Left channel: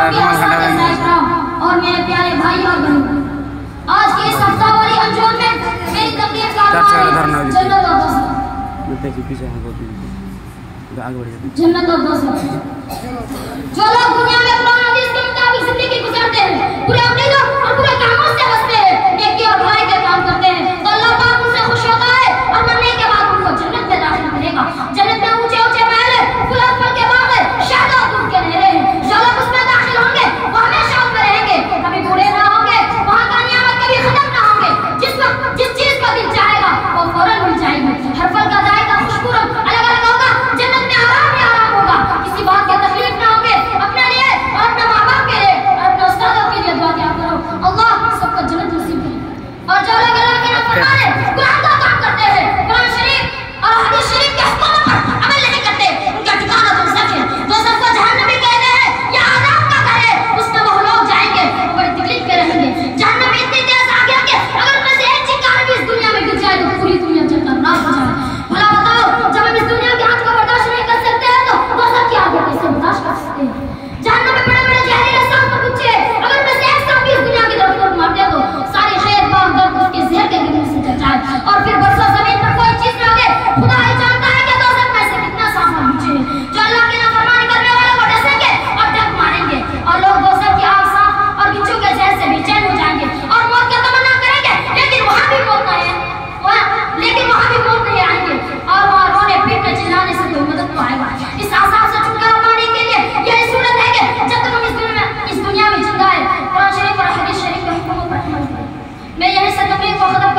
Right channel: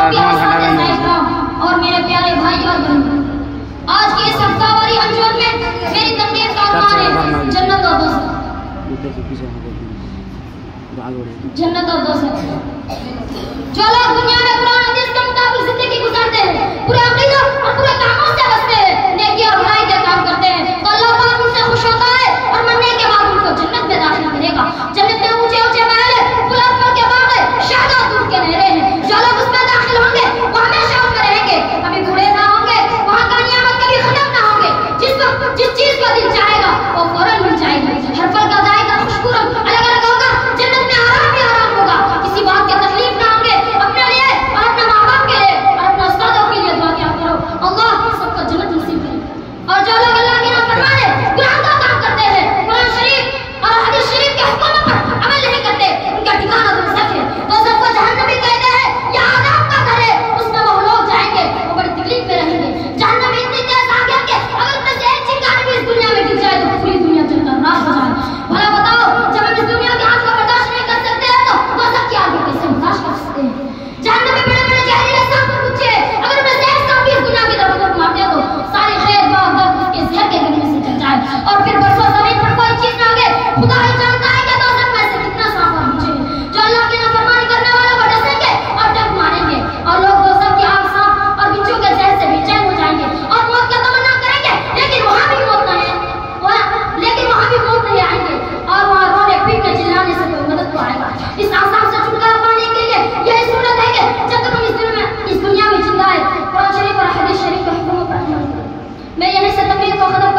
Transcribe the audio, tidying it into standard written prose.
और मेरे प्यारे भाई और बहन, आज की इस हफ्तावारी अंजुमन में मेरी तबीयत का जन्नत और दोस्त जन्नत और दोस्त जो लोग दुनिया में कुरान हदीस के मुताबिक जिंदगी गुजारते हैं, पूरे अकीदों और पूरे कामों से बचते हैं, नेकी और भलाई के काम करते हैं, तो अल्लाह पाक उनसे खुश होता है और मरने के बाद उनको जन्नत में दाखिल करेगा। जन्नत में ऊंचे ऊंचे महल है, गुलाब फल के बाग है, शहद दूध के नहरें हैं। जो लोग उसमें दाखिल होंगे वो हमेशा उसमें रहेंगे, कभी बूढ़े ना होंगे, वहाँ का नियामत कभी खत्म ना होंगे। जिस चीज का दिल चाहेगा वो फौरन मिल जाएगी। हर फल का जायका खुशबू अलग अलग होगा। जन्नत में आराम ही आराम होगा, किसी बात की तकलीफ ना होंगे। अपने लिए और अपने माँ बाप के लिए और अपने उस्तादों के लिए दुआ क्या करो, अल्लाह सबको जन्नत नसीब करे। और जो लोग अल्लाह के नाफरमान है, कुरान का काम करते हैं, कुरान शरीफ और हदीस शरीफ के हुक्मों पर अमल नहीं करते, उनका ठिकाना दोज़ख है। दोज़ख को जहन्नम भी कहते हैं, यह आज़ाब का घर है, उसमें वो लोग जाएंगे वो बड़ी तकलीफ में रहेंगे। जहन्नम इतनी तेज आग है कि अगर उसमें से एक चिंगारी भी इस दुनिया में गिर जाए तो पूरी दुनिया जलकर राख हो जाए। भला बताओ, जब हम इस दुनिया की आग को बर्दाश्त नहीं कर सकते हैं तो दोज़ख की आग को कैसे बर्दाश्त कर सकते हैं? जहन्नम में बड़े बड़े जहरीले सांप और गुच्छे हैं, अगर उसमें से एक सांप भी इस दुनिया की तरफ मारते हैं तो सारे खैर बाग दर्द उसके जहर के गिरने से चल जाए और फिर बरसों जमीन पर कोई चीज ना लगे। खुदा ही जानता है कि दोज़ख में से कितना सांप और गुच्छे हैं। जो अल्लाह की नाफरमानी करने वालों को डसेंगे और डंक मारेंगे और लोग दोज़ख की आग, सांप और बिच्छू के जहर से बेचैन हो जाएंगे और मौत का तमन्ना करेंगे, लेकिन वहाँ भी मौत नहीं आएंगे और वहाँ रोने पीटने चिल्लाने से कोई मदद तो आएगा। इस आसाम से छुटकारा पाने के लिए यही सूरत है कि जब तक हम इस दुनिया में जिंदा है, कुरान शरीफ और हदीस शरीफ के हुक्मों पर अमल करें। मैं यहीं से तकलीफ को खत्म